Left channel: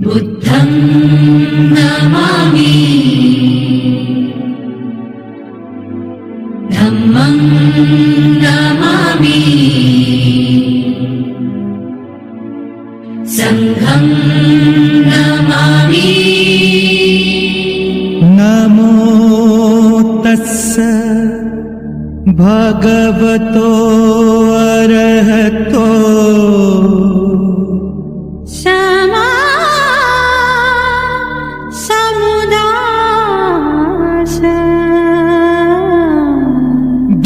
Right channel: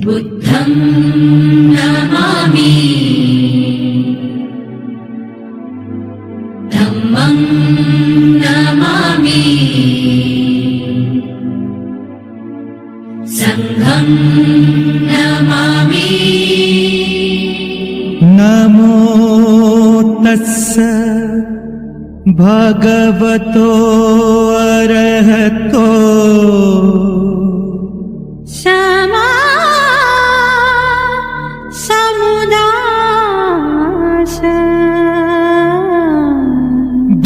बुद्धं नमामि धम्मं नमामि संघं नमामि। नमो तस्स भगवतो अरहतो क्षमा समुदाय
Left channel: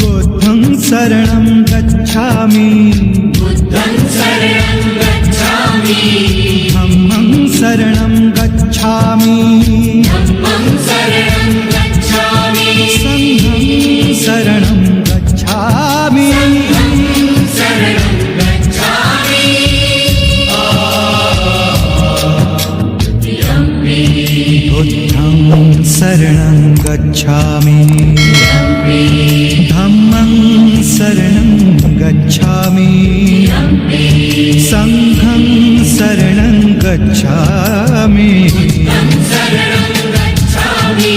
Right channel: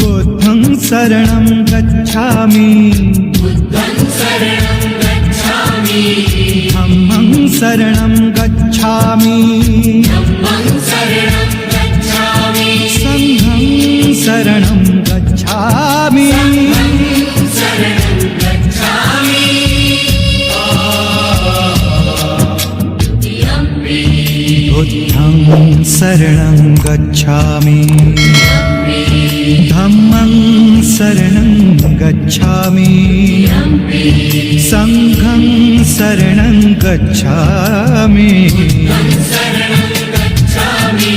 बुद्धं शरणं गच्छामि धम्मं शरणं गच्छामि संघं शरणं गच्छामि। बुद्धं शरणं गच्छामि धम्मं शरणं गच्छामि संघं शरणं गच्छामि। बुद्धं शरणं गच्छामि।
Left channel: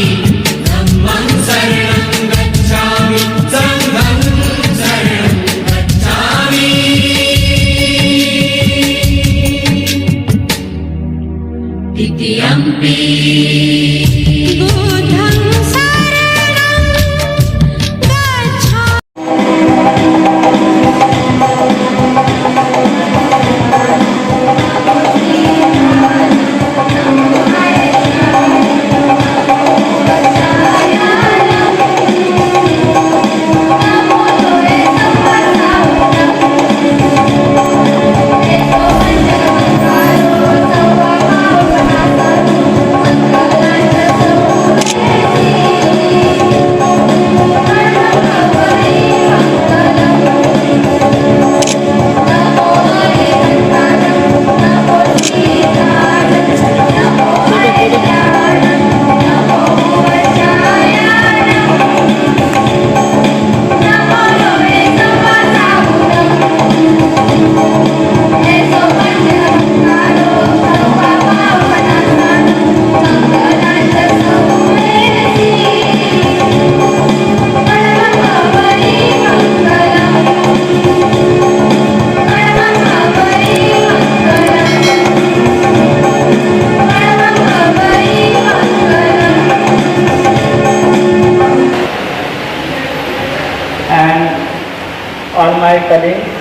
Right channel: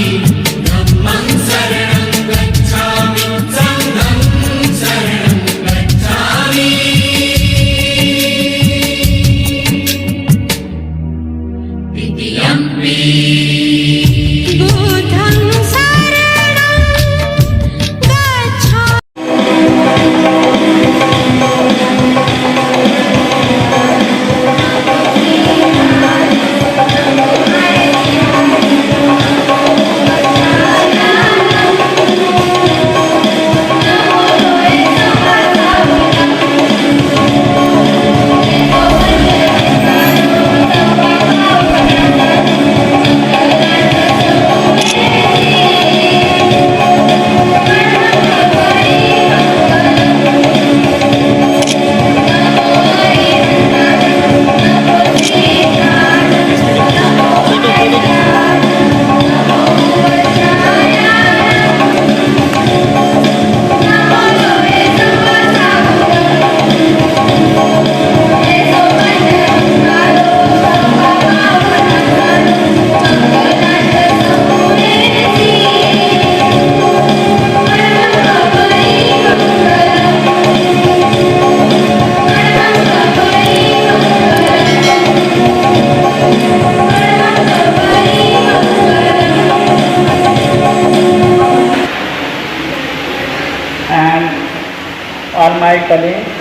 All my colleagues,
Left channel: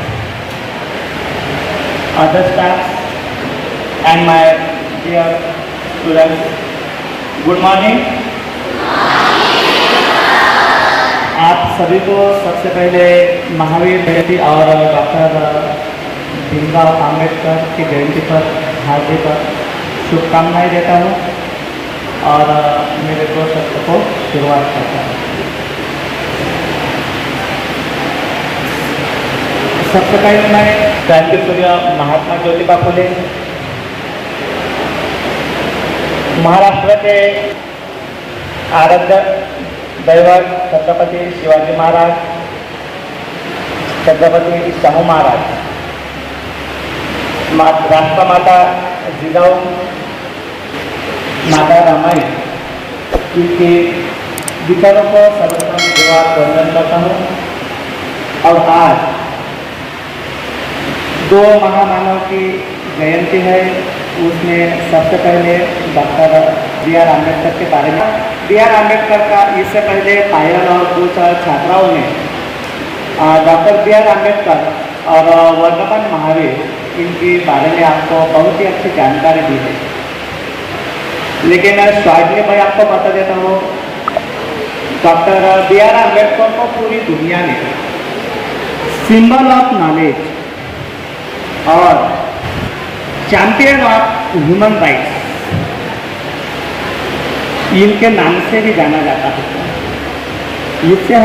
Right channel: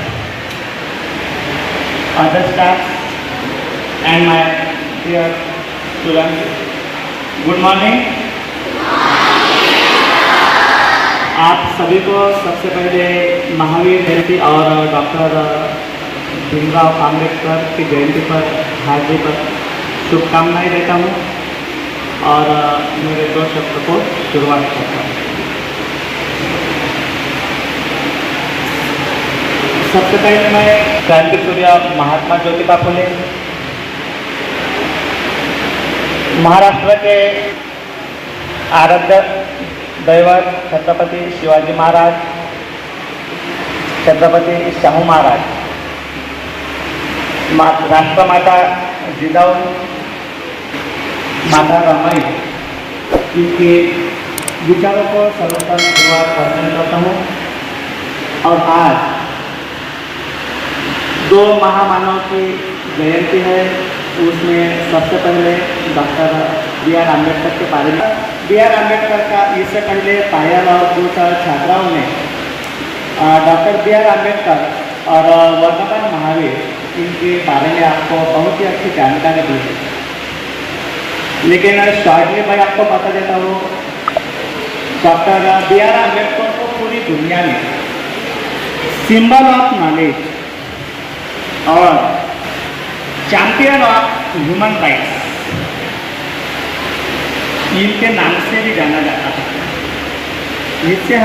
other staff and my dear students, good morning. आप सभी को सबसे पहले महावीर जयंती और डॉक्टर भीमराव आम्बेडकर की जयंती पर हार्दिक शुभकामनाएं देता हूँ और मेरे दो शब्द को शुरुआत करता हूँ। सबसे पहले मैं क्रांति सूर्य महात्मा ज्योतिबा फुले महाराष्ट्र के आराध्य दैवत छत्रपति शिवाजी महाराज, छत्रपति शाहू महाराज, राष्ट्रमाता जिजाऊ माता रमाई इनके विचारों को सर्वप्रथम वंदन करता हूँ। और आज दो महामानव की जयंती है, उसमें सबसे पहले डॉक्टर बी.आर. आम्बेडकर के बारे में। बी.आर. आम्बेडकर का इससे पहले पायल और कुछ छात्राओं ने डॉक्टर बी.आर. आम्बेडकर और वर्धमान महावीर इनके बारे में आपको बहुत ही अच्छी जानकारी दी है, लेकिन शॉर्टली मैं आपको बता देता हूँ। Doctor B R. आम्बेडकर को पूरी दुनिया में सिंबल ऑफ नॉलेज और चैंपियन ऑफ ह्यूमन राइट्स इनके नाम से भी जाना जाता है। इससे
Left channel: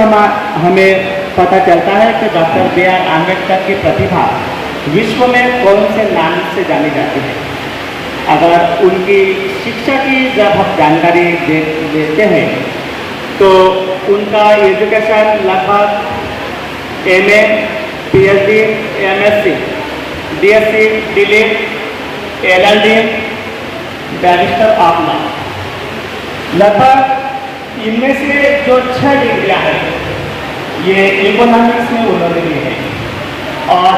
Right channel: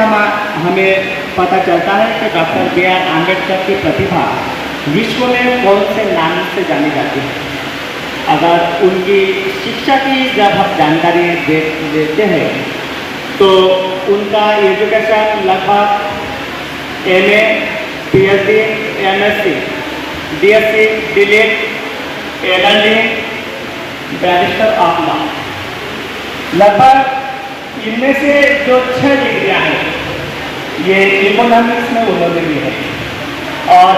हमें पता चलता है कि डॉक्टर बी.आर. आम्बेडकर की प्रतिभा विश्व में कौन से नाम से जानी जाती है। अगर उनकी शिक्षा की जब हम जानकारी देते हैं तो उनका एजुकेशन लगभग MA, PhD, MSc, DSc, DLED, LLD, barrister of law. लगभग इनमें से जो 6 डिग्रियाँ हैं ये इकोनॉमिक्स में उन्होंने ली है और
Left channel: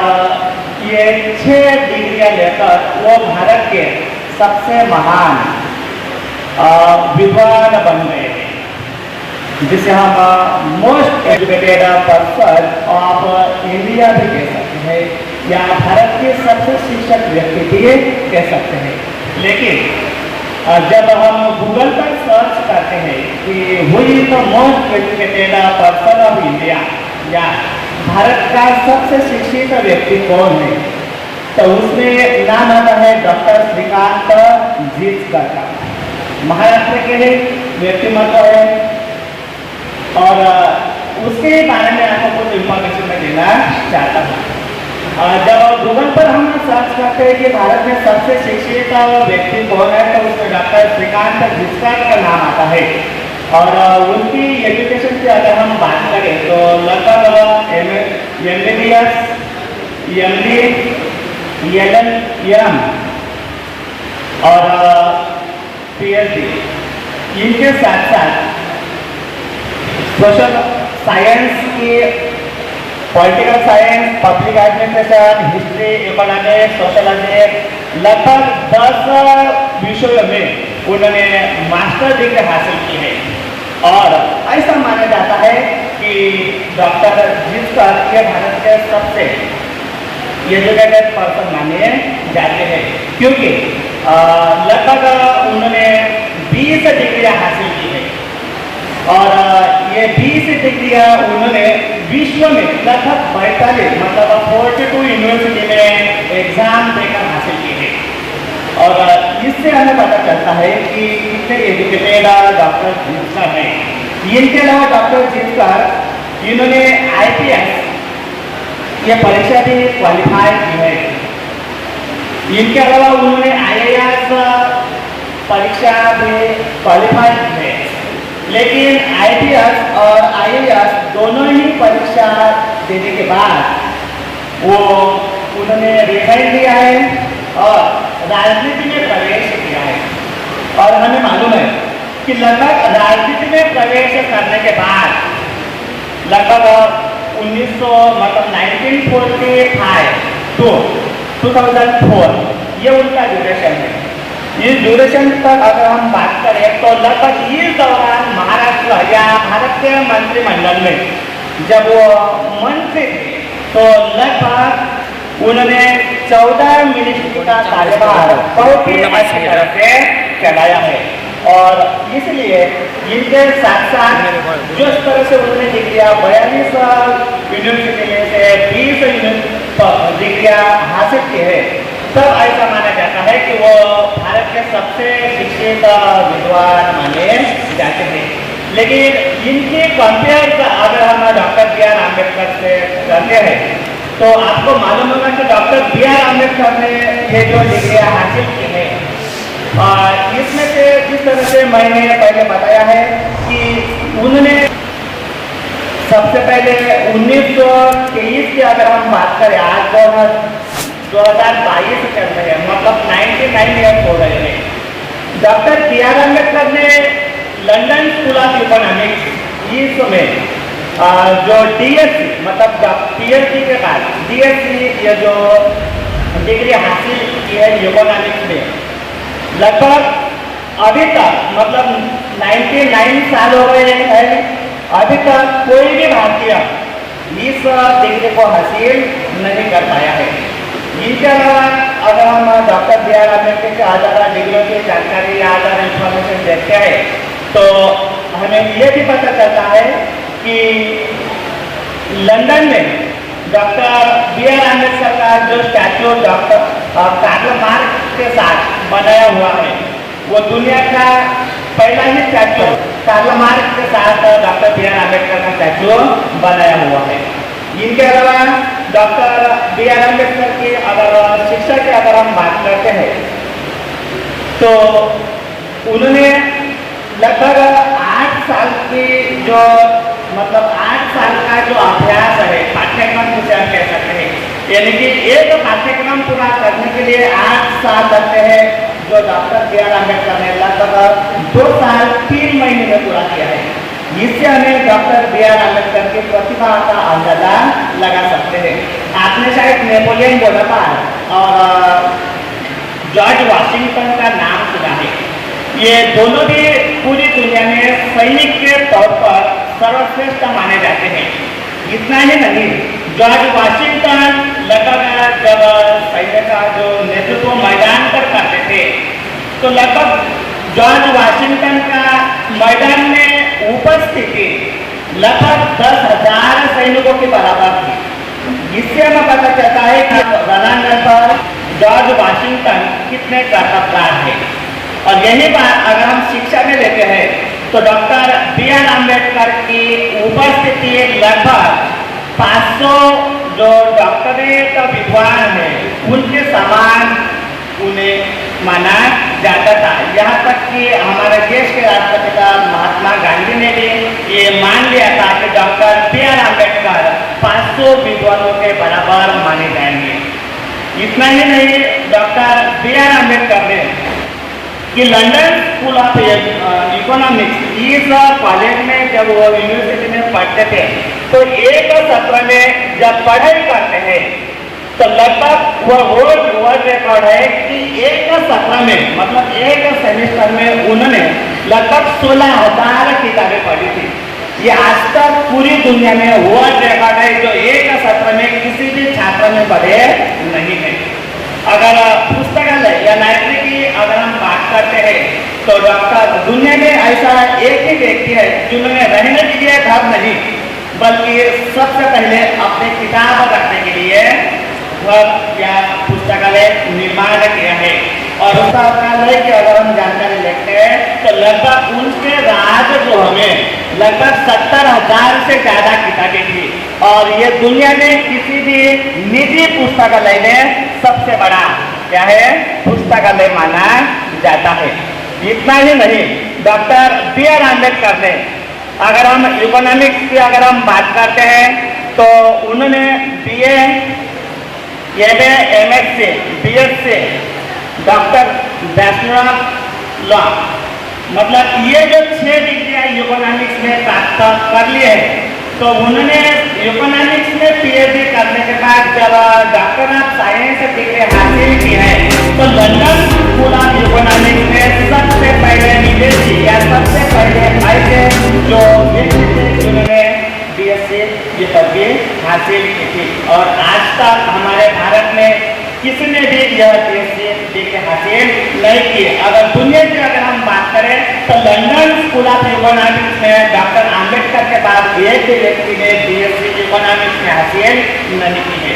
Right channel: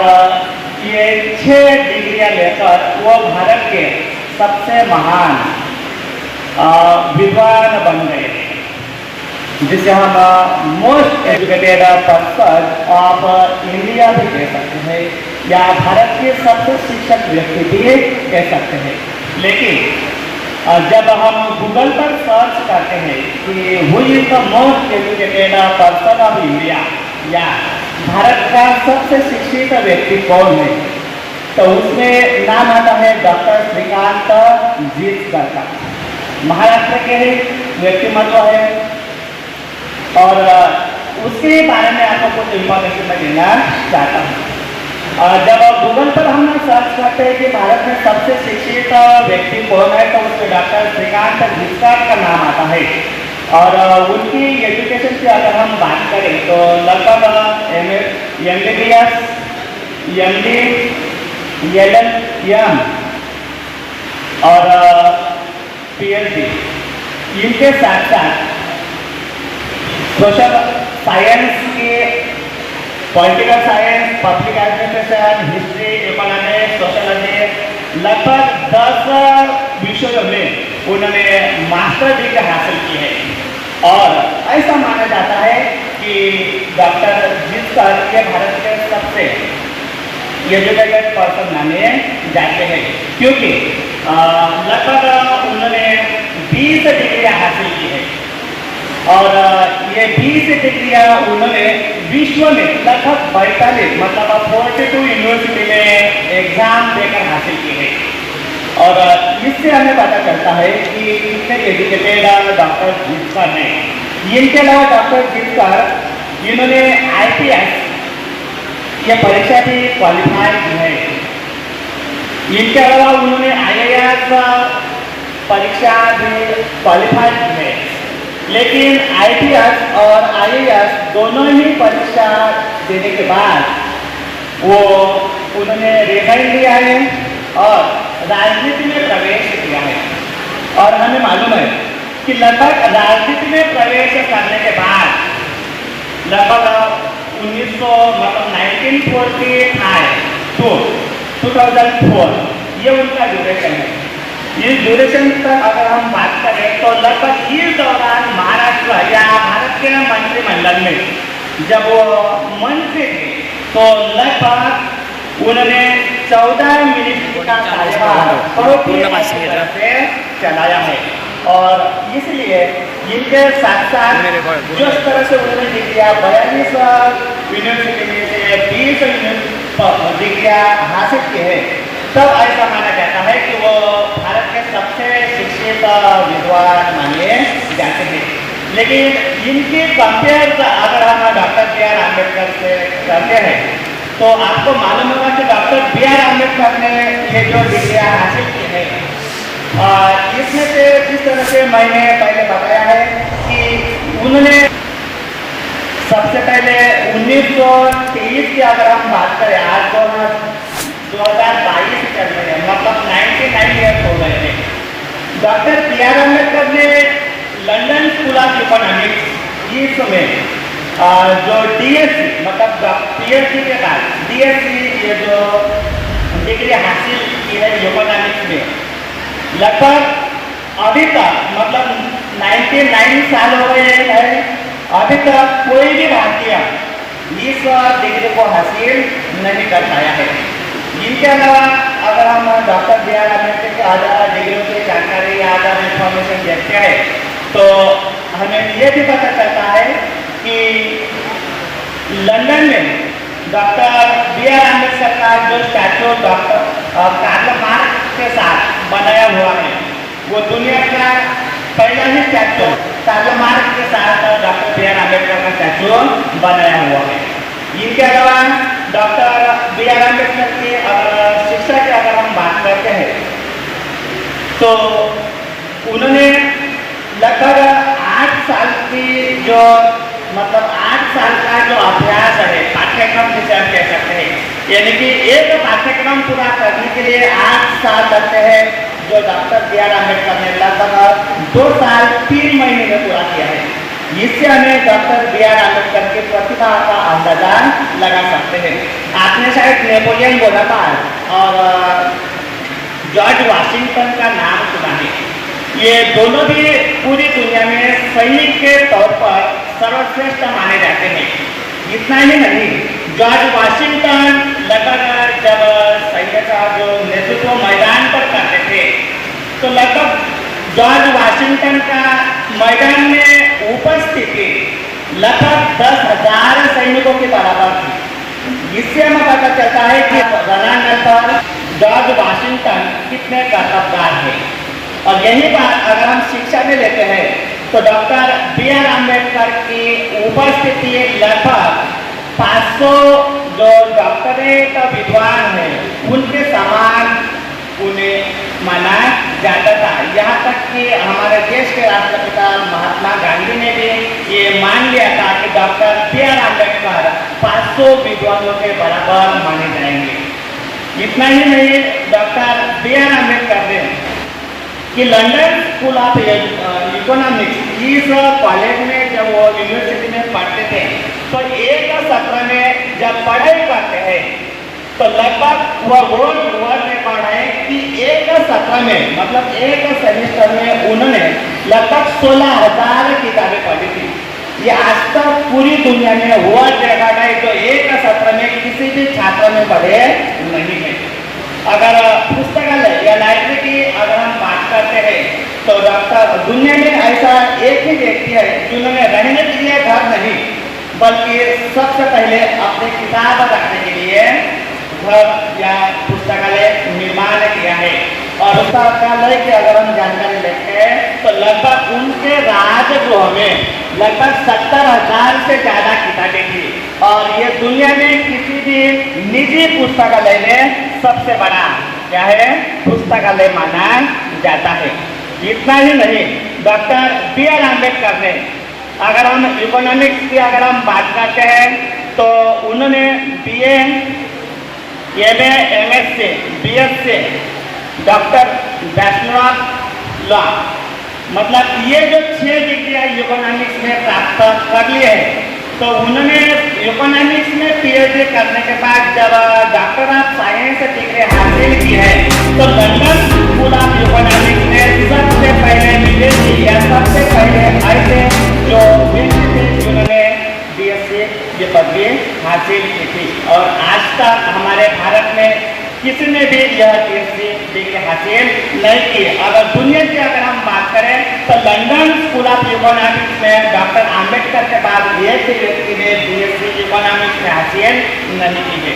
ये 6 डिग्रियाँ लेकर वो भारत के सबसे महान विद्वान बन गए हैं, जिसे हम most educated person of India भी कह सकते हैं या भारत के सबसे शिक्षित व्यक्ति भी कह सकते हैं। लेकिन जब हम गूगल पर सर्च करते हैं कि who is the most educated person of India या भारत का सबसे शिक्षित व्यक्ति कौन है, तो उसमें नाम आता है डॉक्टर श्रीकांत जिचकर का। महाराष्ट्र के व्यक्तिमत्व है और उसके बारे में आपको कुछ इंफॉर्मेशन मैं देना चाहता हूँ। जब गूगल पर हम सर्च करते हैं कि भारत में सबसे शिक्षित व्यक्ति कौन है, तो उसमें डॉक्टर श्रीकांत जिचकर का नाम आता है और उनकी एजुकेशन की अगर हम बात करें तो लगभग MBBS, MD, LLM और PhD, इनके साथ साथ सोशल साइंस की, political science, public administration, history, economics, sociology, लगभग 10 विषयों में उन्होंने मास्टर डिग्री हासिल की है और ऐसा माना जाता है कि डॉक्टर जिचकर के भारत के सबसे एजुकेटेड पर्सन माने जाते हैं, क्योंकि लगभग उन्होंने 20 डिग्रियाँ हासिल की है और ये 20 डिग्रियाँ उन्होंने विश्व में लगभग 42 मतलब 42 यूनिवर्सिटी में एग्जाम देकर हासिल की है और इससे हमें पता चलता है कि कितने एजुकेटेड डॉक्टर जिचकर हैं। इनके अलावा डॉक्टर जिचकर इन्होंने IPS ये परीक्षा भी क्वालिफाई की है। इनके अलावा उन्होंने IAS परीक्षा भी क्वालिफाई की है, लेकिन IPS और IAS दोनों ही परीक्षा देने के बाद वो उन्होंने रिजाइन लिया है और राजनीति में प्रवेश किया है। और हमें मालूम है कि लगभग राजनीति में प्रवेश करने के बाद लगभग 1945 to 2004 ये उनका ड्यूरेशन है। इस ड्यूरेशन तक अगर हम बात करें तो लगभग इस दौरान महाराष्ट्र या भारत के मंत्रिमंडल में जब वो मंत्री थे तो लगभग उन्होंने 14 मिनट का कार्यभार से चलाया है और इसलिए इनके साथ साथ जिस तरह से उन्होंने डिग्रियाँ 42 यूनिवर्सिटी में से 20 डिग्रियाँ हासिल की है, तब ऐसा माना जाता है कि वो भारत के सबसे शिक्षित विद्वान माने जाते हैं। लेकिन इनके कंपेयर अगर हम डॉक्टर B.R. अम्बेडकर से करते हैं तो आपको मालूम होगा कि डॉक्टर B.R. अम्बेडकर ने ये जो डिग्रियाँ हासिल की है और इसमें से जिस तरह से मैंने पहले बताया है कि उन्होंने सबसे पहले 1923 की अगर हम बात करें, आज 2022 चल रहे हैं, मतलब 99 ईयर्स हो रहे हैं। Doctor B.R. अम्बेडकर ने लंदन स्कूल ऑफ इकोनॉमिक्स इसमें जो DSc मतलब PhD के बाद DSc ये जो डिग्री हासिल की है इकोनॉमिक्स में, लगभग अभी तक मतलब 99 साल हो गए हैं, अभी तक कोई भी भारतीय इस डिग्री को हासिल नहीं कर पाया है। इनके अलावा अगर हम डॉक्टर B.R. अम्बेडकर के आधार डिग्रियों की जानकारी या आधार इंफॉर्मेशन देखते हैं तो हमें ये भी पता चलता है कि लंदन में डॉक्टर B.R. अम्बेडकर का जो स्टैचू डॉक्टर कार्ल मार्क्स के साथ बनाया हुआ है, वो दुनिया का पहला ही स्टैचू कार्ल मार्क्स के साथ डॉक्टर B.R. अम्बेडकर का स्टैचू बनाया हुआ है। इनके अलावा डॉक्टर B.R. अम्बेडकर की अगर शिक्षा की अगर हम बात करते हैं तो उन्होंने लगभग 8 साल की जो मतलब 8 साल का जो अभ्यास है, पाठ्यक्रम जिसे हम कह सकते हैं, यानी कि एक पाठ्यक्रम पूरा करने के लिए 8 साल लगते हैं, जो डॉक्टर बी आर अम्बेडकर ने लगभग 2 साल 3 महीने में पूरा किया है। इससे हमें डॉक्टर बी आर अम्बेडकर की प्रतिभा का अंदाजा लगा सकते हैं। आपने शायद नेपोलियन बोनापार्ट और जॉर्ज वाशिंगटन का नाम सुना है। ये दोनों भी पूरी दुनिया में सैनिक के तौर पर सर्वश्रेष्ठ माने जाते हैं। इतना ही नहीं, जॉर्ज वाशिंगटन लगभग जब सैन्य का जो नेतृत्व मैदान पर करते थे तो लगभग जॉर्ज वाशिंगटन का मैदान में उपस्थिति लगभग 10,000 सैनिकों के बराबर थी। इससे हमें पता चलता है कि रणांगण पर जॉर्ज वाशिंगटन कितने कर्तव्यवान है। और यही बात अगर हम शिक्षा में लेते हैं तो डॉक्टर बी आर अम्बेडकर की उपस्थिति लगभग 500 जो डॉक्टरेट विद्वान हैं उनके समान उन्हें माना जाता था। यहाँ तक कि हमारे देश के राष्ट्रपिता महात्मा गांधी ने भी ये मान लिया था कि डॉक्टर बी आर अम्बेडकर 500 विद्वानों के बराबर माने जाएंगे। इतना ही नहीं, डॉक्टर बी आर अम्बेडकर ने कि लंदन स्कूल ऑफ इकोनॉमिक्स इस कॉलेज में जब वो यूनिवर्सिटी में पढ़ते थे तो एक सत्र में जब पढ़ाई करते हैं तो लगभग वह वर्ल्ड रिकॉर्ड है कि एक सत्र में मतलब एक सेमेस्टर में उन्होंने लगभग 16,000 किताबें पढ़ी थी। ये आज तक पूरी दुनिया में वर्ल्ड रिकॉर्ड है जो एक सत्र में किसी भी छात्र ने पढ़े नहीं है। अगर पुस्तकालय या लाइब्रेरी की अगर हम बात करते हैं तो डॉक्टर दुनिया में ऐसा एक ही व्यक्ति है जिन्होंने रहने के लिए घर नहीं बल्कि सबसे पहले अपने किताब रखने के लिए घर या पुस्तकालय निर्माण किया है। और पुस्तकालय की अगर हम जानकारी लेते हैं तो लगभग उनके राजगृह में लगभग 70,000 से ज़्यादा किताबें थी और ये दुनिया में किसी भी निजी पुस्तकालय में सबसे बड़ा क्या है पुस्तकालय माना जाता है। इतना ही नहीं, डॉक्टर बी आर अम्बेडकर ने अगर हम इकोनॉमिक्स की अगर हम बात करते हैं तो उन्होंने BA, MA, MSc, BSc, doctor bachelor of law मतलब ये जो 6 डिग्रियाँ इकोनॉमिक्स में प्राप्त कर लिए हैं तो उन्होंने इकोनॉमिक्स में PhD करने के बाद जब डॉक्टर ऑफ साइंस डिग्री हासिल की है तो लंदन स्कूल ऑफ इकोनॉमिक्स में सबसे पहले विदेशी या सबसे पहले ऐसे जो उन्होंने BSc ये पदवी हासिल की थी। और आज तक हमारे भारत में किसी ने भी यह डिग्री हासिल नहीं की। अगर दुनिया की अगर हम बात करें तो लंदन स्कूल ऑफ इकोनॉमिक्स में डॉक्टर अम्बेडकर के बाद एक भी व्यक्ति ने BSc इकोनॉमिक्स में हासिल नहीं की है।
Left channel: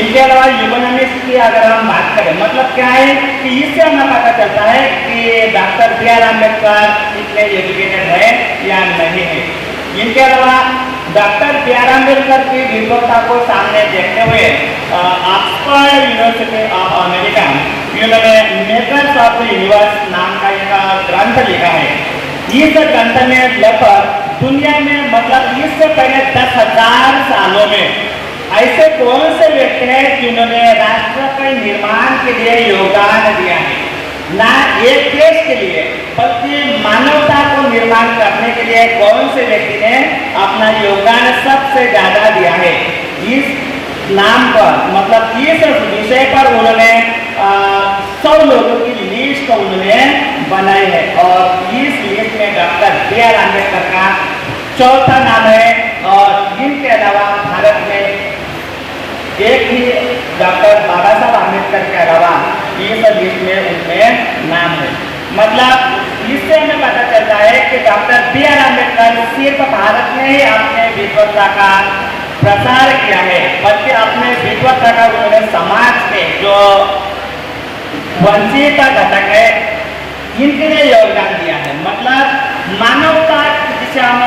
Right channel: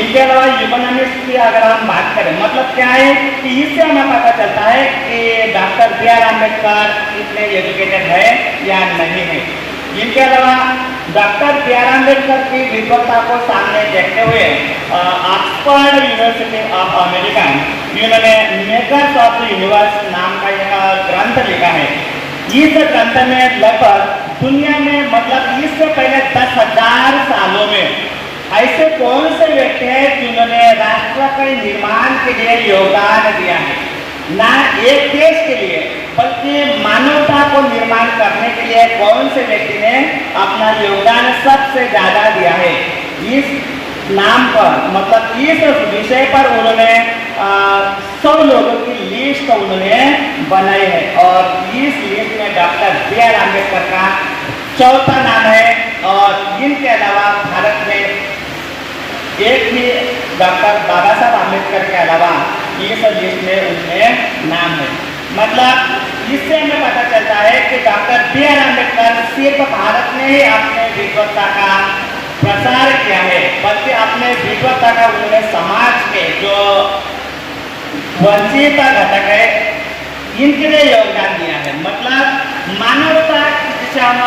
इनके अलावा इकोनॉमिक्स की अगर हम बात करें मतलब क्या है कि इससे हमें पता चलता है कि डॉक्टर बी आर अम्बेडकर कितने एजुकेटेड है या नहीं है। इनके अलावा डॉक्टर बी आर अम्बेडकर की विद्वत्ता को सामने देखते हुए ऑक्सफोर्ड यूनिवर्सिटी ऑफ अमेरिका इन्होंने मेकर्स ऑफ द यूनिवर्स नाम का एक ग्रंथ लिखा है। इस ग्रंथ में लगभग दुनिया में मतलब इससे पहले 10,000 सालों में ऐसे कौन से व्यक्ति हैं जिन्होंने राष्ट्र के निर्माण के लिए योगदान दिया है, ना एक देश के लिए बल्कि मानवता को निर्माण करने के लिए कौन से व्यक्ति ने अपना योगदान सबसे ज़्यादा दिया है। इस नाम पर मतलब इस विषय पर उन्होंने 100 लोगों की लिस्ट उन्होंने बनाई है और इस लिस्ट में डॉक्टर बी आर अम्बेडकर का चौथा नाम है। और इनके अलावा भारत में एक ही डॉक्टर बाबा साहब अम्बेडकर के अलावा इस लिस्ट में उनमें नाम है। मतलब इससे हमें पता चलता है कि डॉक्टर बी आर अम्बेडकर सिर्फ भारत में ही अपने विद्वत्ता का प्रसार किया है बल्कि अपने विद्वत्ता का उन्होंने समाज के जो वंचित घटक है इनके लिए योगदान दिया है। मतलब मानवता जिसे हम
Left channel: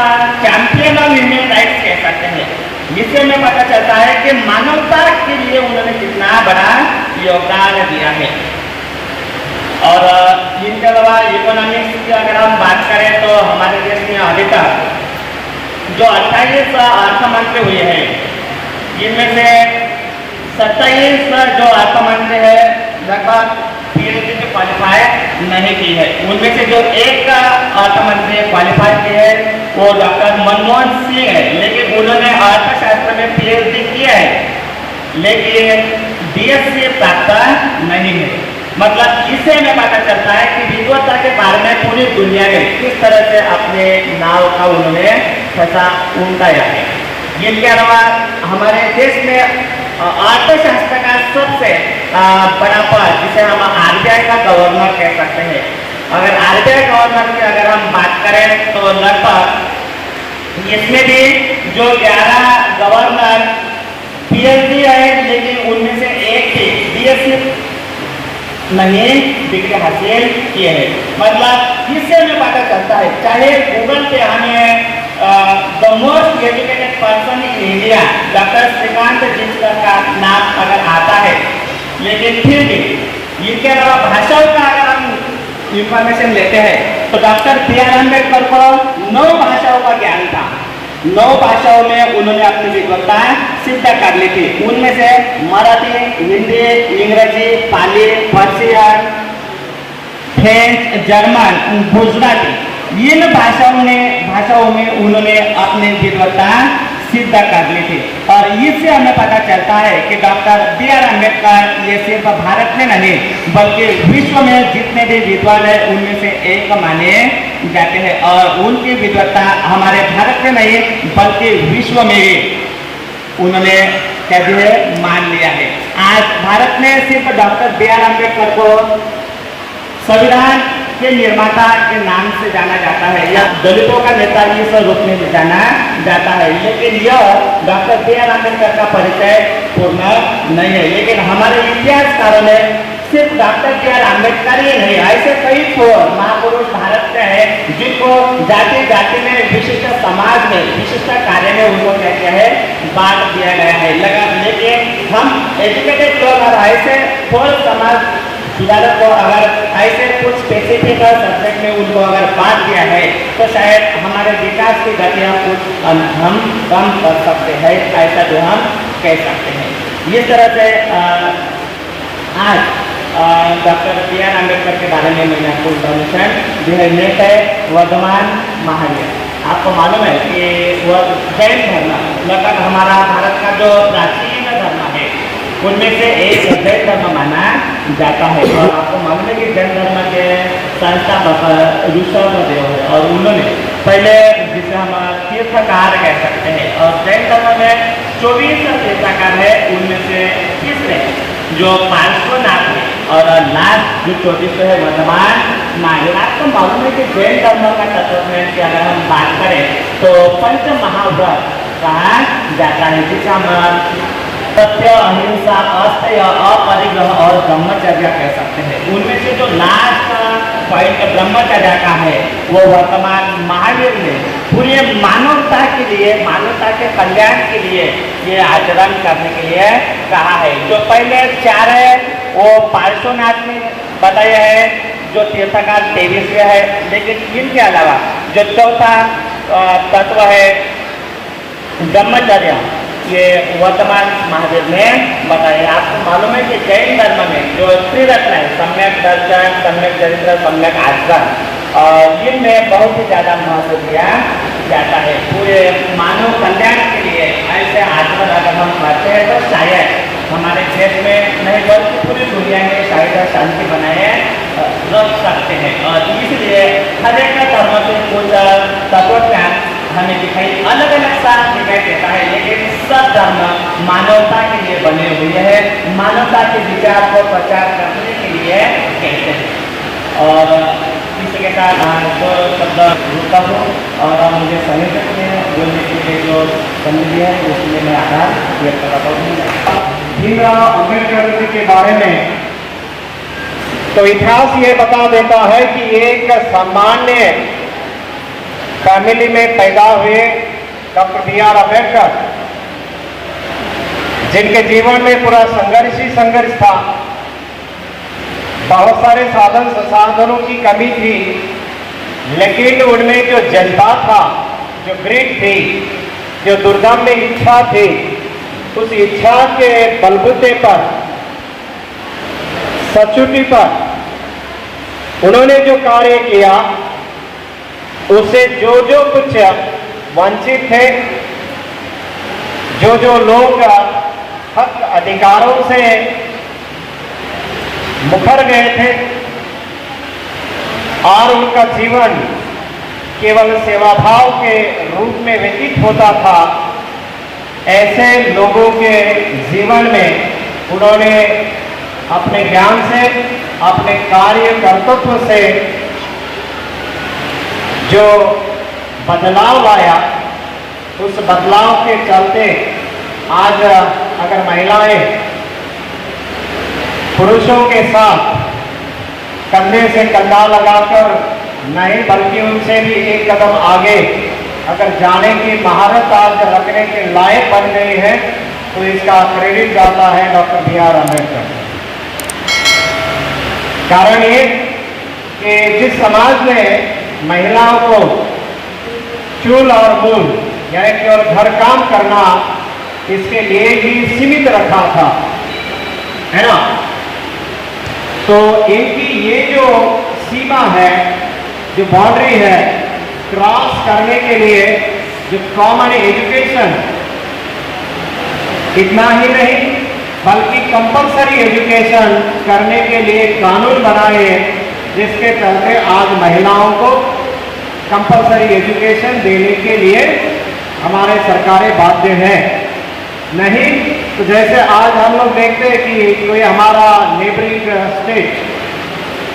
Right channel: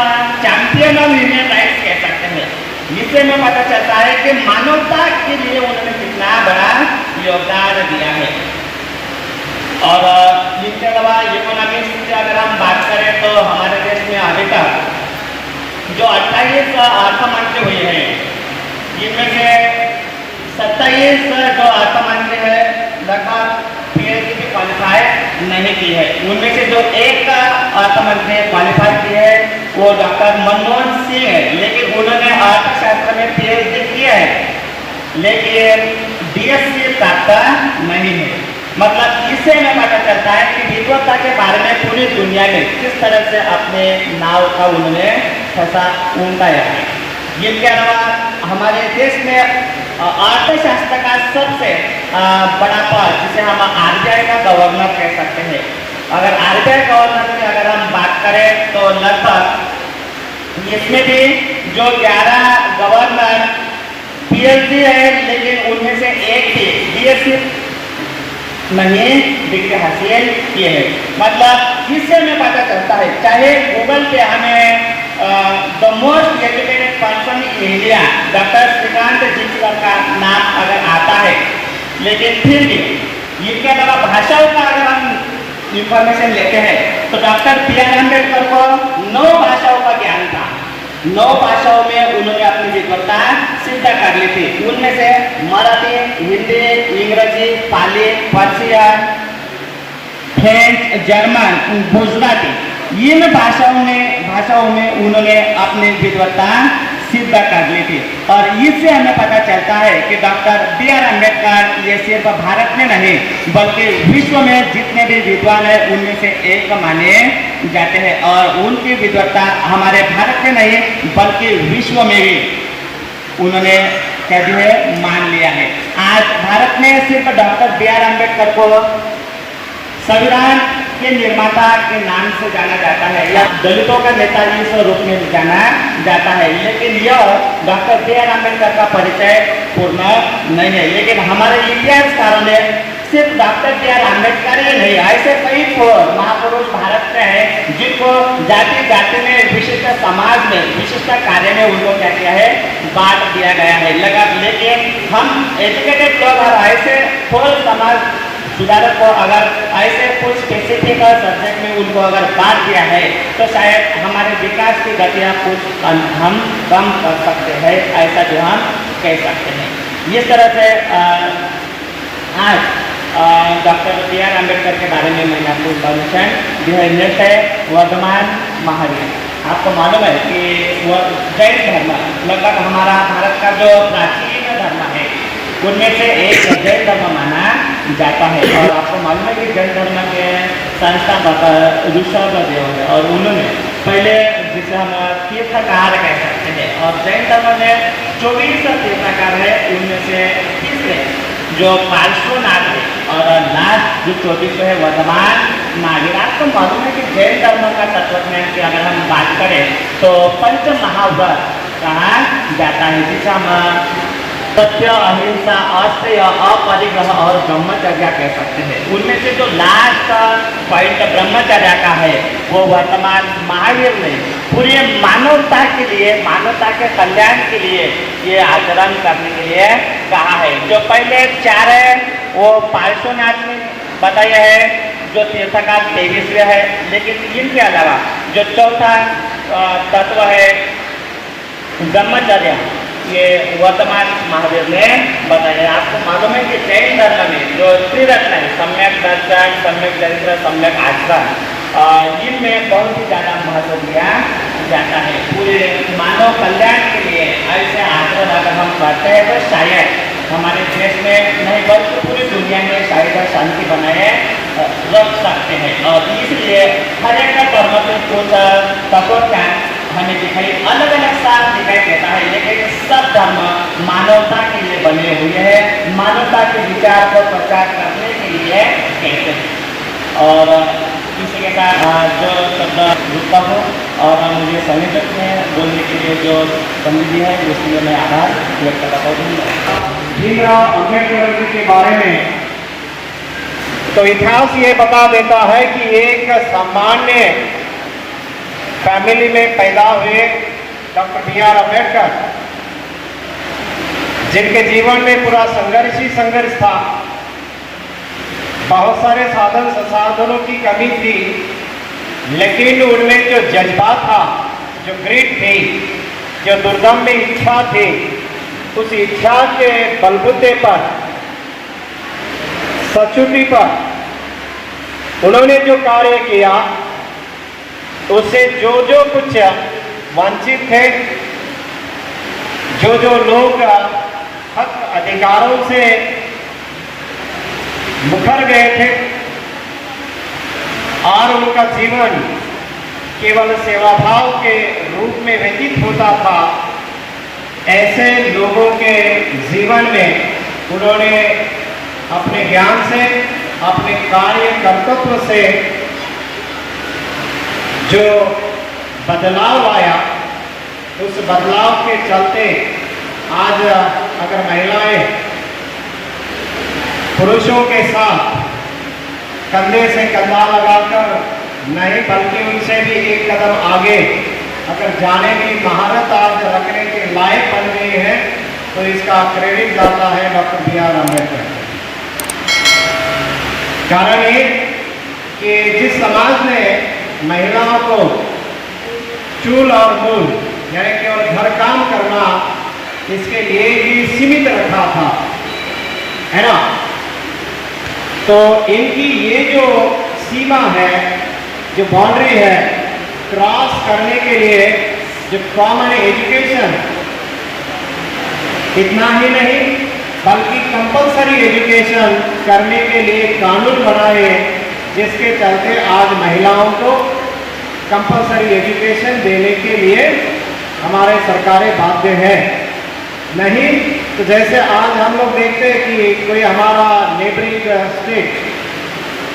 चैंपियन ऑफ ह्यूमन राइट्स कह सकते हैं। इससे हमें पता चलता है कि मानवता के लिए उन्होंने कितना बड़ा योगदान दिया है। और इनके अलावा इकोनॉमिक्स की अगर हम बात करें तो हमारे देश में अभी तक जो 28 अर्थमंत्री हुए हैं जिनमें से 27 जो अर्थमंत्री है लगभग पीएचडी में क्वालिफाई नहीं की है। उनमें से जो एक अर्थमंत्री क्वालिफाई की है वो डॉक्टर मनमोहन सिंह है, लेकिन उन्होंने अर्थशास्त्र में पीएचडी किया है, लेकिन डीएससी प्राप्त नहीं है। मतलब इससे हमें पता चलता है कि विद्वत्ता के बारे में पूरी दुनिया में किस तरह से अपने नाव का उन्होंने फंसा उठाया है। इनके अलावा हमारे देश में अर्थशास्त्र का सबसे बड़ा पद, जिसे हम आरबीआई का गवर्नर कह सकते हैं, अगर आरबीआई गवर्नर की अगर हम बात करें तो लगभग इसमें भी जो 11 गवर्नर पीएचडी है, लेकिन उनमें से एक ही डीएससी नहीं डिग्री हासिल किए हैं। मतलब इससे हमें पता चलता है, चाहे गूगल पे हमें the most educated person in India doctor Shrikant Jichkar का नाम अगर आता है, लेकिन फिर भी इनके अलावा भाषाओं का अगर हम इंफॉर्मेशन लेते हैं तो डॉक्टर बी.आर. अम्बेडकर को 9 भाषाओं का ज्ञान था। 9 भाषाओं में उन्होंने अपनी विद्वत्ता सिद्ध कर ली थी। उनमें से मराठी, हिंदी, अंग्रेजी, पाली, पर्शियन, फ्रेंच, जर्मन, गुजराती, इन भाषाओं में उन्होंने अपनी विद्वत्ता सिद्ध कर ली थी। और इससे हमें पता चलता है कि डॉक्टर बी.आर. अम्बेडकर ये सिर्फ भारत में नहीं बल्कि विश्व में जितने भी विद्वान हैं उनमें से एक माने जाते हैं, और उनकी विद्वत्ता हमारे भारत में नहीं बल्कि विश्व में भी उन्होंने कभी मान लिया है। आज भारत में सिर्फ डॉक्टर बी.आर. अम्बेडकर को संविधान के निर्माता के नाम से जाना जाता है या दलितों का नेता इस रूप में जाना जाता है, लेकिन यह डॉक्टर बी.आर. अम्बेडकर का परिचय पूर्ण नहीं है। लेकिन हमारे इतिहासकारों ने सिर्फ डॉक्टर बी.आर. अम्बेडकर ही नहीं, ऐसे कई महापुरुष भारत में हैं जिनको जाति जाति में, विशिष्ट समाज में, विशिष्ट कार्य में उनको क्या किया है, बांट दिया गया है। लेकिन हम एजुकेटेड लोग और ऐसे फोर समाज सुधारक को अगर ऐसे कुछ स्पेसिफिक सब्जेक्ट में उनको अगर बांट दिया है तो शायद हमारे विकास की गतियाँ कुछ हम कम कर सकते हैं, ऐसा जो हम कह सकते हैं। इस तरह से आज डॉक्टर बी.आर. अम्बेडकर के बारे में मैंने आपको इन्फॉर्मेशन दी है। नेक्स्ट है वर्धमान महावीर। आपको मालूम है कि वह जैन धर्म लगभग हमारा भारत का जो प्राचीन धर्म है उनमें से एक जैन धर्म माना जाता है। और आपको मालूम है कि जैन धर्म के संस्थापक ऋषभदेव है, और उन्होंने पहले जिसे हम तीर्थकार कह सकते हैं, और जैन धर्म में 24 तीर्थकार है, उनमें से तीसरे जो पार्श्वनाथ है और लास्ट जो 24 है वर्धमान महावीर। आपको मालूम है कि जैन धर्म का तत्वज्ञान की अगर हम बात करें तो पंच महाव्रत कहा जाता है, जिसे हम सत्य, अहिंसा, अस्तेय, अपरिग्रह और ब्रह्मचर्य कह सकते हैं। उनमें से जो लास्ट का पॉइंट ब्रह्मचर्य का है वो वर्तमान महावीर ने पूरी मानवता के लिए, मानवता के कल्याण के लिए ये आचरण करने के लिए कहा है। जो पहले 4 है वो पार्श्वनाथ ने बताया है, जो तीर्थकार 23वें है, लेकिन इनके अलावा जो चौथा तत्व है ब्रह्मचर्य, ये वर्तमान महावीर ने बताया। आपको मालूम है कि जैन धर्म में जो त्रिरत्न है, सम्यक दर्शन, सम्यक चरित्र, सम्यक आचरण, और इनमें बहुत ही ज़्यादा महत्व दिया जाता है। पूरे मानव कल्याण के लिए ऐसे आचरण अगर हम करते हैं तो शायद हमारे देश में नहीं बल्कि पूरी दुनिया में शायद शांति बनाए रख सकते हैं। और इसलिए हर एक धर्म के कुछ तत्वज्ञान हमें दिखाई अलग अलग सा दिखाई देता है, लेकिन सब धर्म मानवता के लिए बने हुए हैं, मानवता के विचार को प्रचार करने के लिए कहते हैं। और इसी के साथ जो शब्द रुकता हूँ और मुझे संयोजक में बोलने के लिए जो बंदी है उसके लिए मैं आभार व्यक्त करता हूँ। भीमराव अम्बेडकर जी के बारे में तो इतिहास ये बता देता है कि एक सामान्य फैमिली में पैदा हुए डॉक्टर बी.आर. अम्बेडकर, जिनके जीवन में पूरा संघर्ष ही संघर्ष था, बहुत सारे साधन संसाधनों की कमी थी, लेकिन उनमें जो जनता था, जो ग्रिड थी, जो दुर्गम में इच्छा थी, उस इच्छा के बलबूते पर, सचुटी पर उन्होंने जो कार्य किया उससे जो जो कुछ वंचित थे, जो जो लोग हक अधिकारों से मुखर गए थे और उनका जीवन केवल सेवाभाव के रूप में व्यतीत होता था, ऐसे लोगों के जीवन में उन्होंने अपने ज्ञान से, अपने कार्य कर्तव्य से जो बदलाव लाया, उस बदलाव के चलते आज अगर महिलाएं पुरुषों के साथ कंधे से कंधा लगाकर नहीं बल्कि उनसे भी एक कदम आगे अगर जाने की महारत आज रखने के लायक बन गई है, तो इसका क्रेडिट जाता है डॉक्टर बी.आर. अम्बेडकर। कारण ये कि जिस समाज ने महिलाओं को चूल और मूल यानी कि और घर काम करना इसके लिए ही सीमित रखा था, है ना, तो इनकी ये जो सीमा है, जो बाउंड्री है, क्रॉस करने के लिए जो कॉमन एजुकेशन, इतना ही नहीं बल्कि कंपलसरी एजुकेशन करने के लिए कानून बनाए, जिसके चलते आज महिलाओं को कंपलसरी एजुकेशन देने के लिए हमारे सरकारें बाध्य है। नहीं तो जैसे आज हम लोग देखते हैं कि कोई हमारा नेबरिंग स्टेट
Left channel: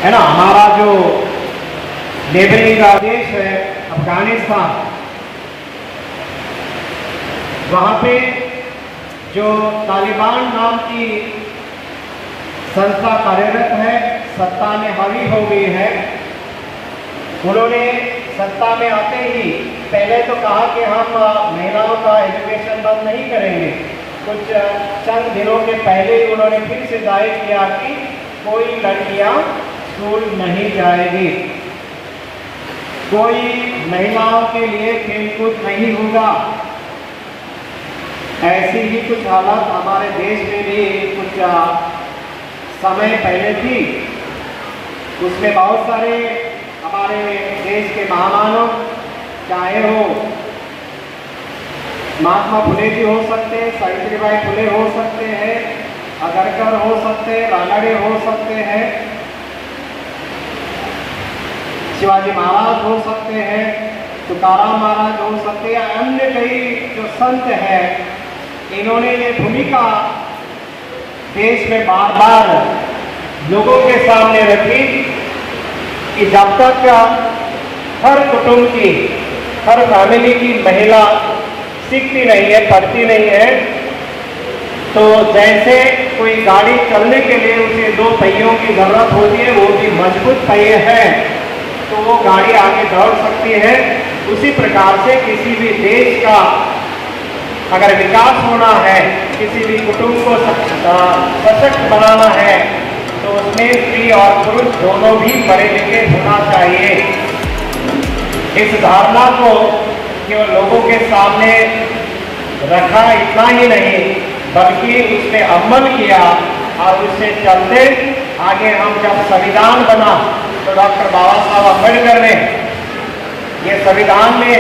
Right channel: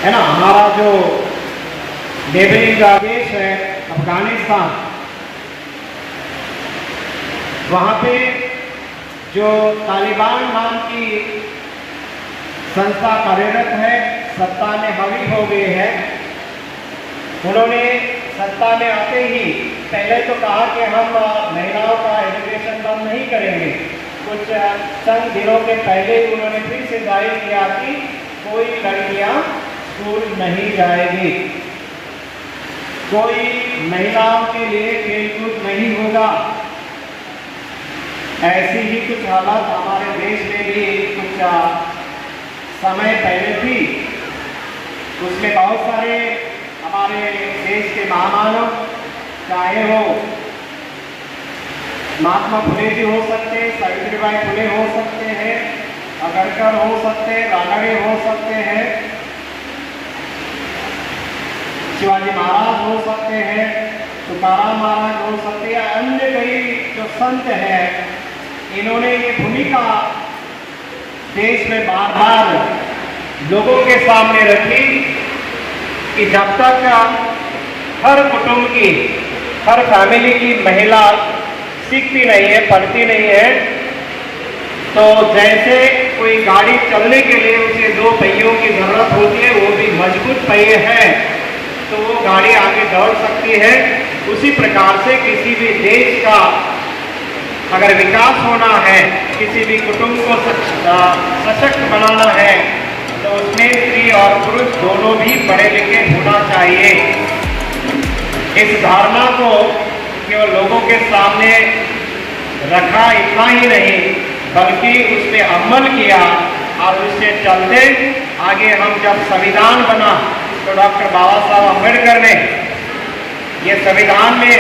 है ना, हमारा जो नेबरिंग देश है अफगानिस्तान, वहाँ पे जो तालिबान नाम की संस्था कार्यरत है, सत्ता में हावी हो गई है। उन्होंने सत्ता में आते ही पहले तो कहा कि हम महिलाओं का एजुकेशन बंद नहीं करेंगे। कुछ चंद दिनों के पहले उन्होंने फिर से जाहिर किया कि कोई लड़कियां स्कूल नहीं जाएगी, कोई महिलाओं के लिए खेलकूद नहीं होगा। ऐसी ही कुछ हालात हमारे देश में भी कुछ समय पहले थी। उसमें बहुत सारे हमारे देश के महामानव, चाहे हो महात्मा फुले जी हो सकते हैं, सावित्रीबाई फुले हो सकते हैं, अगरकर हो सकते हैं, रानडे हो सकते हैं, शिवाजी महाराज हो सकते हैं, तुकाराम महाराज हो सकते हैं, अन्य कई जो संत हैं, इन्होंने ये भूमिका देश में बार बार लोगों के सामने रखी कि जब तक हर कुटुंब की, हर फैमिली की महिला सीखती नहीं है, पढ़ती नहीं है, तो जैसे कोई गाड़ी चलने के लिए उसे दो पहियों की जरूरत होती है, वो भी मजबूत पहिए हैं तो वो गाड़ी आगे दौड़ सकती है। उसी प्रकार से किसी भी देश का अगर विकास होना है, किसी भी कुटुंब को सशक्त बनाना है, तो उसमें स्त्री और पुरुष दोनों भी पढ़े लिखे होना चाहिए। इस धारणा को केवल लोगों के सामने रखा, इतना ही नहीं बल्कि उसमें अमल किया और उससे चलते आगे हम जब संविधान बना तो डॉक्टर बाबा साहब अम्बेडकर ने ये संविधान में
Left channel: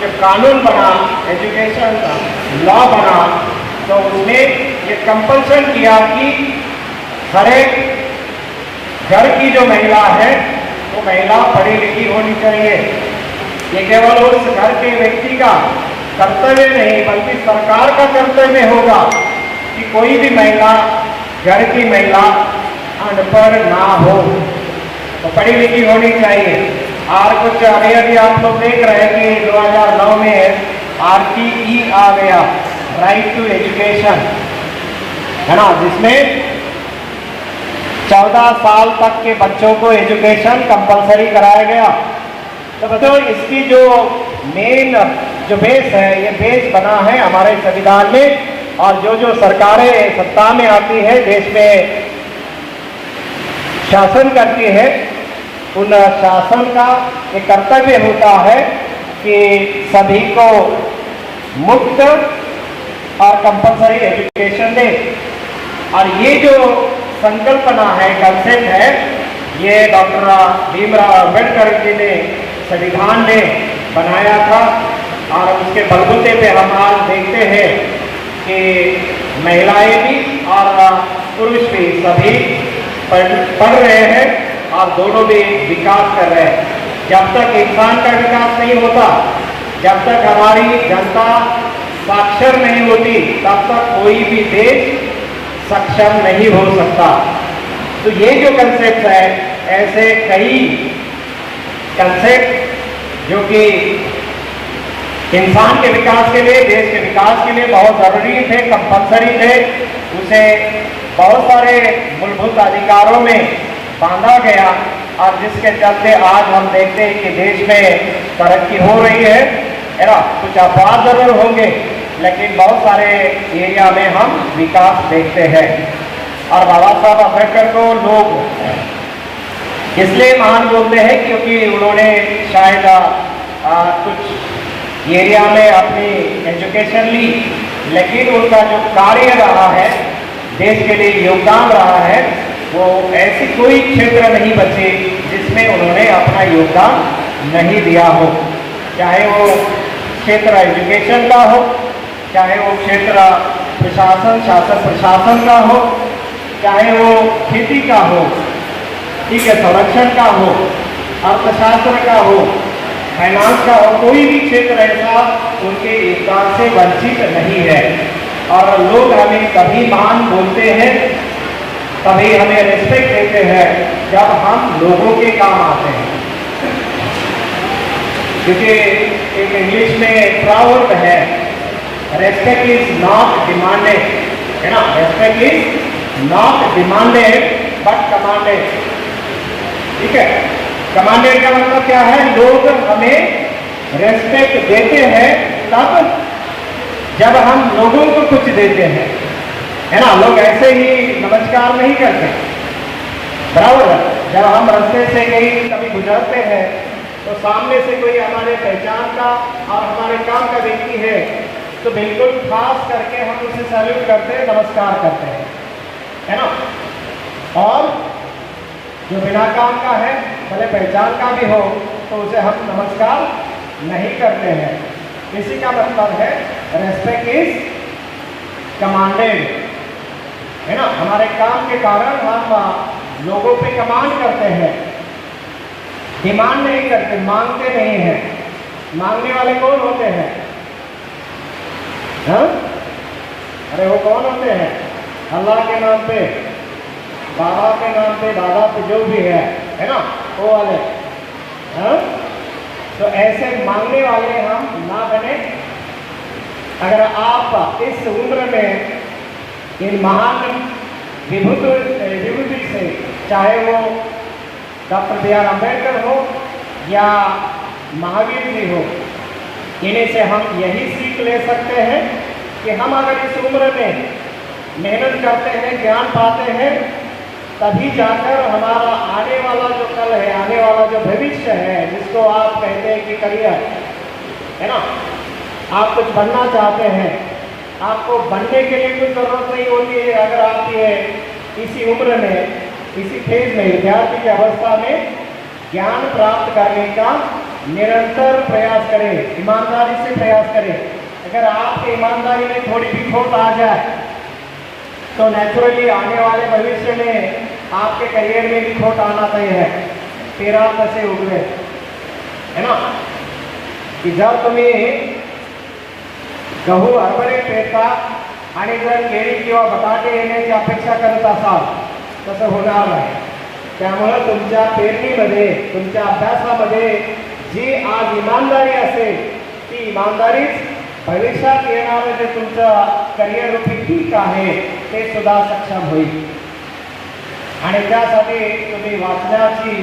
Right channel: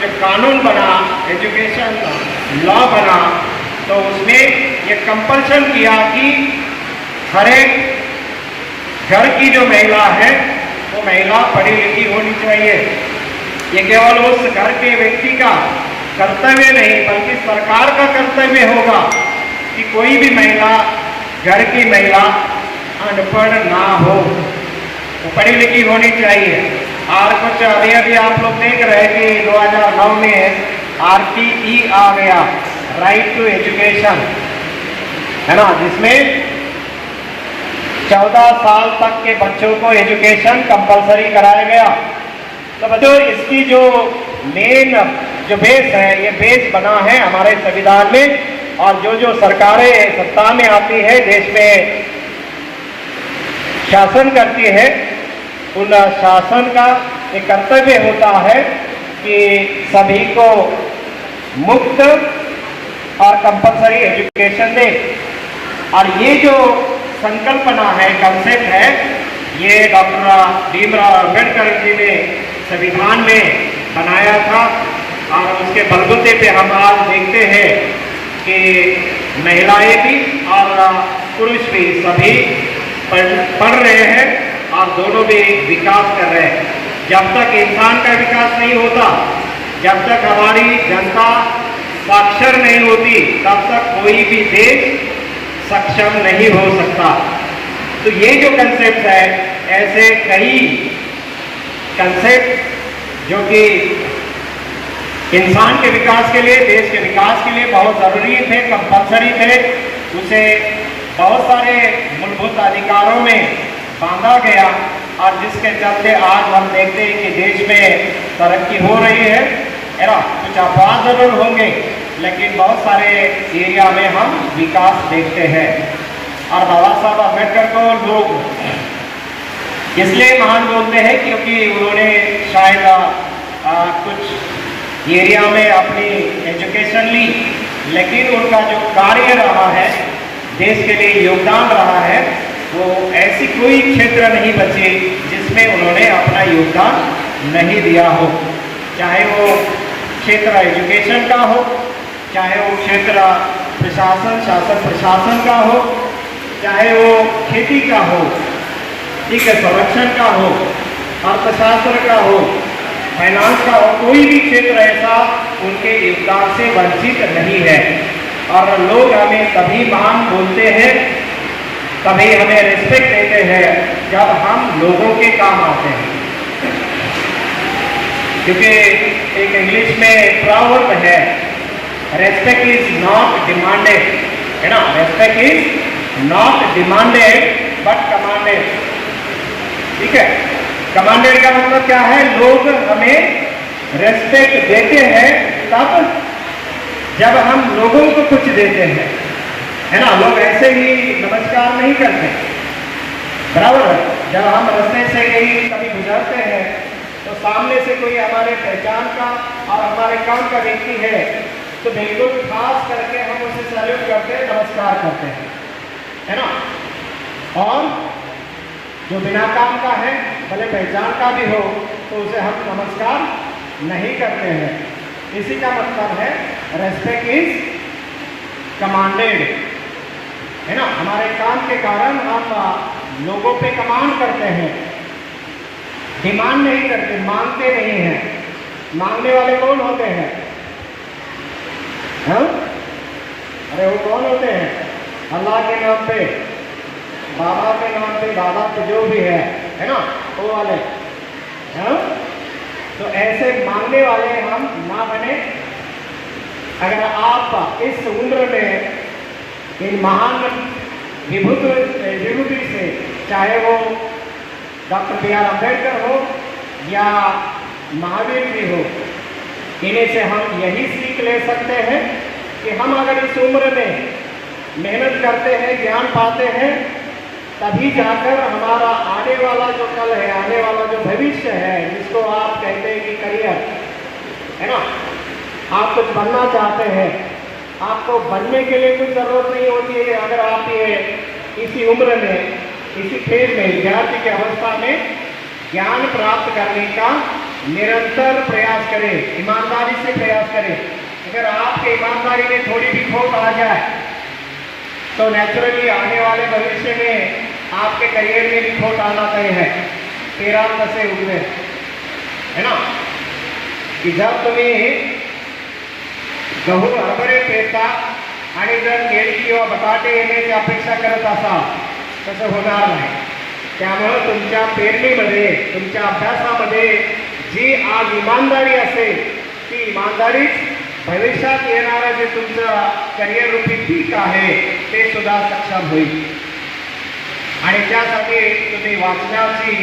जब कानून बना, एजुकेशन का लॉ बना, तो उसमें ये कंपल्सन किया कि हर एक घर की जो महिला है वो महिला पढ़ी लिखी होनी चाहिए। ये केवल उस घर के व्यक्ति का कर्तव्य नहीं बल्कि सरकार का कर्तव्य होगा कि कोई भी महिला, घर की महिला अनपढ़ ना हो, तो पढ़ी लिखी होनी चाहिए। और कुछ अभी आप लोग देख रहे हैं कि 2009 में RTE आ गया, राइट टू एजुकेशन, है ना, जिसमें 14 साल तक के बच्चों को एजुकेशन कंपलसरी कराया गया। तो बच्चों इसकी जो मेन जो बेस है, ये बेस बना है हमारे संविधान में। और जो जो सरकारें सत्ता में आती है, देश में शासन करती है, उन शासन का एक कर्तव्य होता है कि सभी को मुफ्त और कंपलसरी एजुकेशन दे। और ये जो संकल्पना है, कंसेप्ट है, ये डॉक्टर भीमराव अम्बेडकर जी ने संविधान में बनाया था और उसके बलबूते पे हम आज देखते हैं कि महिलाएं भी और पुरुष भी सभी पढ़ रहे हैं और दोनों भी विकास कर रहे हैं। जब तक इंसान का विकास नहीं होता, जब तक हमारी जनता साक्षर नहीं होती, तब तक कोई भी देश सक्षम नहीं हो सकता। तो ये जो कंसेप्ट है, ऐसे कई कंसेप्ट जो कि इंसान के विकास के लिए, देश के विकास के लिए बहुत ज़रूरी थे, कंपल्सरी थे, उसे बहुत सारे मूलभूत अधिकारों में बांधा गया और जिसके चलते आज हम देखते हैं कि देश में तरक्की हो रही है ना। कुछ अपवाद जरूर होंगे, लेकिन बहुत सारे एरिया में हम विकास देखते हैं। और बाबा साहब अम्बेडकर को लोग इसलिए महान बोलते हैं क्योंकि उन्होंने शायद कुछ एरिया में अपनी एजुकेशन ली, लेकिन उनका जो कार्य रहा है, देश के लिए योगदान रहा है, वो ऐसी कोई क्षेत्र नहीं बचे जिसमें उन्होंने अपना योगदान नहीं दिया हो। चाहे वो क्षेत्र एजुकेशन का हो, चाहे वो क्षेत्र प्रशासन, शासन प्रशासन का हो, चाहे वो खेती का हो, ठीक है, संरक्षण का हो, अर्थशास्त्र का हो, फाइनेंस का हो, कोई भी क्षेत्र ऐसा उनके योगदान से वंचित नहीं है। और लोग हमें तभी महान बोलते हैं, तभी हमें रिस्पेक्ट देते हैं जब हम लोगों के काम आते हैं। क्योंकि एक इंग्लिश में प्रॉवर्ब है, रेस्पेक्ट इज नॉट डिमांडेड, है ना, respect is not demanded but commanded. ठीक है, कमांडेड का मतलब क्या है? लोग हमें रेस्पेक्ट देते हैं तब जब हम लोगों को कुछ देते हैं, है ना। लोग ऐसे ही नमस्कार नहीं करते, बराबर है। जब हम रास्ते से कहीं कभी गुजरते हैं तो सामने से कोई हमारे पहचान का और हमारे काम का व्यक्ति है तो बिल्कुल खास करके हम उसे सैल्यूट करते हैं, नमस्कार करते हैं, है ना। और जो बिना काम का है, भले पहचान का भी हो, तो उसे हम नमस्कार नहीं करते हैं। इसी का मतलब है रेस्पेक्ट इज कमांडेड, है ना। हमारे काम के कारण हम लोगों पे कमांड करते हैं, डिमांड नहीं करते, मांगते नहीं हैं। मांगने वाले कौन होते हैं? हाँ, अरे वो कौन होते हैं? अल्लाह के नाम पे, बाबा के नाम पे, दादा पे, जो भी है ना, वो वाले। हाँ, तो ऐसे मांगने वाले हम ना बने। अगर आप इस उम्र में इन महान विभूति से, चाहे वो डॉक्टर बी आर अम्बेडकर हो या महावीर जी हो, इन्हीं से हम यही सीख ले सकते हैं कि हम अगर इस उम्र में मेहनत करते हैं, ज्ञान पाते हैं, तभी जाकर हमारा आने वाला जो कल है, आने वाला जो भविष्य है, जिसको आप कहते हैं कि करियर, है ना। आप कुछ बनना चाहते हैं, आपको बनने के लिए कुछ ज़रूरत नहीं होती है। अगर आप ये इसी उम्र में, इसी फेज में, विद्यार्थी की अवस्था में ज्ञान प्राप्त करने का निरंतर प्रयास करें, ईमानदारी से प्रयास करें। अगर आपके ईमानदारी में थोड़ी भी खोट आ जाए तो नेचुरली आने वाले भविष्य में आपके करियर में भी खोट आना तय है। तेरा कसे उगवे, है ना, की जर तुम्ही गहू हरभरे पेरता आणि जर केळी किंवा बटाटे येण्याची अपेक्षा करत असाल, तसं होणार नाही। त्यामुळं तुमच्या पेरणीमध्ये, तुमच्या अभ्यासामध्ये जी आज इमानदारी असेल, ती इमानदारीच भविष्यात येणारं जे तुमचं करिअर रूपी पीक आहे ते सुद्धा सक्षम होईल। आणि त्यासाठी तुम्ही वाचण्याची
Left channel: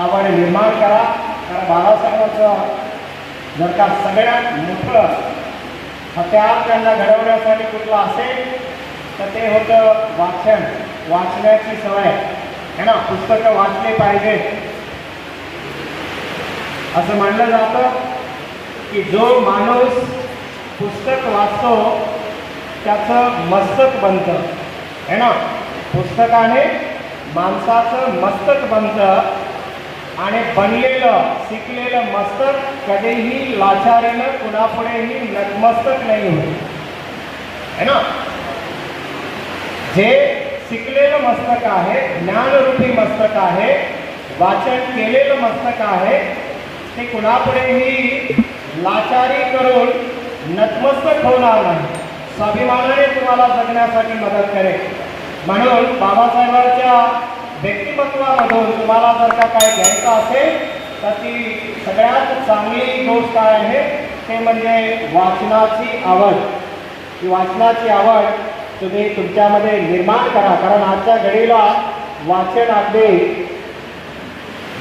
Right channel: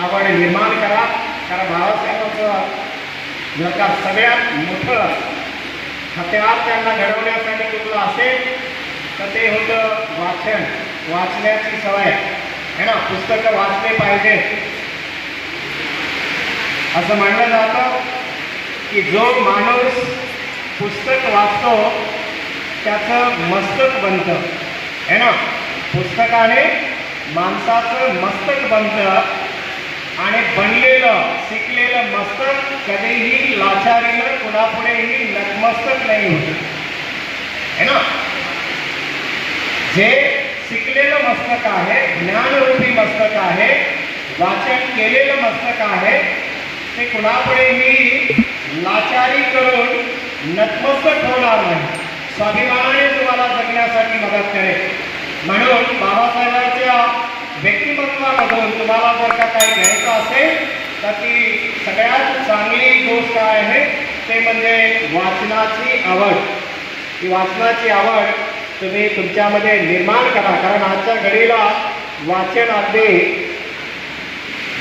आवड निर्माण करा। कारण बाळासाहेबांचं जर का सगळ्यात मोठं हत्यार त्यांना घडवण्यासाठी कुठलं असेल तर ते होतं वाचन, वाचण्याची सवय, है ना। पुस्तकं वाचले पाहिजे। असं म्हणलं जातं की जो माणूस पुस्तक वाचतो त्याचं मस्तक बनतं, है ना। पुस्तकाने माणसाचं मस्तक बनतं आणि बनलेलं शिकलेलं मस्तक कधीही लाचारीनं कुणापुढेही नतमस्तक नाही होत है ना. जे शिकलेलं मस्तक आहे, ज्ञानरूपी मस्तक आहे, वाचन केलेलं मस्तक आहे, ते कुणापुढेही लाचारी करून नतमस्तक होणार नाही, स्वाभिमानाने तुम्हाला जगण्यासाठी मदत करेल. म्हणून बाबासाहेबांच्या व्यक्तिमत्वामधून तुम्हाला जर का काय घ्यायचं असेल तर ती सगळ्यात चांगली गोष्ट काय आहे ते म्हणजे वाचनाची आवड. ही वाचनाची आवड तुम्ही तुमच्यामध्ये निर्माण करा, कारण आजच्या घडीला वाचन अगदी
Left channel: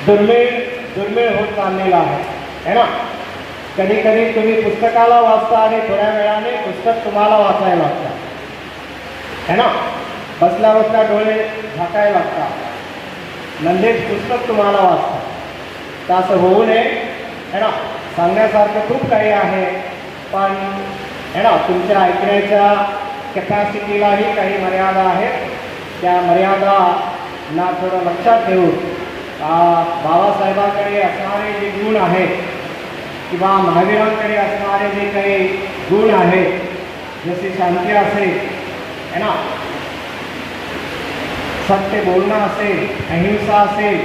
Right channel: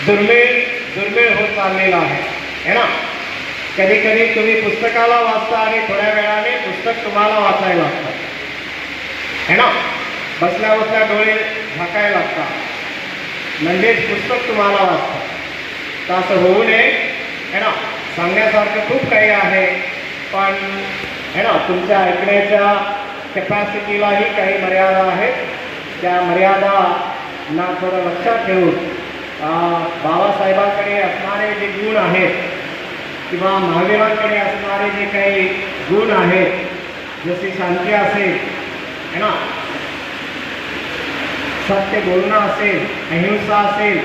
दुर्मिळ होत चाललेलं आहे ना. कधी कधी तुम्ही पुस्तकाला वाचता आणि थोड्या वेळाने पुस्तक तुम्हाला वाचायला लागतं है ना. बसल्या बसल्या डोळे झाकायला लागतात म्हणजेच पुस्तक तुम्हाला वाचतं. तर असं होऊ नये है ना. सांगण्यासारखं खूप काही आहे, पण है ना तुमच्या ऐकण्याच्या कॅपॅसिटीलाही काही मर्यादा आहेत. त्या मर्यादांना थोडं लक्षात ठेवून बाबासाहेबांकडे असणारे जे गुण आहेत किंवा महावीरांकडे असणारे जे काही गुण आहेत, जसे शांती असेल है ना, सत्य बोलणं असेल, अहिंसा असेल,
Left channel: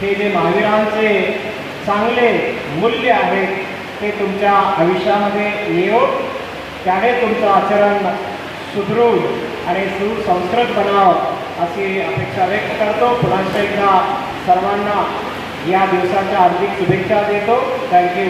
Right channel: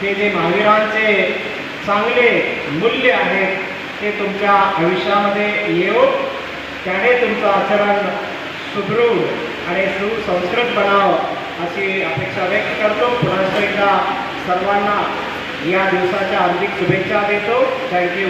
हे जे महावीरांचे चांगले मूल्य आहेत ते तुमच्या आयुष्यामध्ये येऊन त्याने तुमचं आचरण सुदृढ आणि सुसंस्कृत बनावं अशी अपेक्षा व्यक्त करतो. पुन्हा एकदा सर्वांना या दिवसाच्या हार्दिक शुभेच्छा देतो. थँक्यू.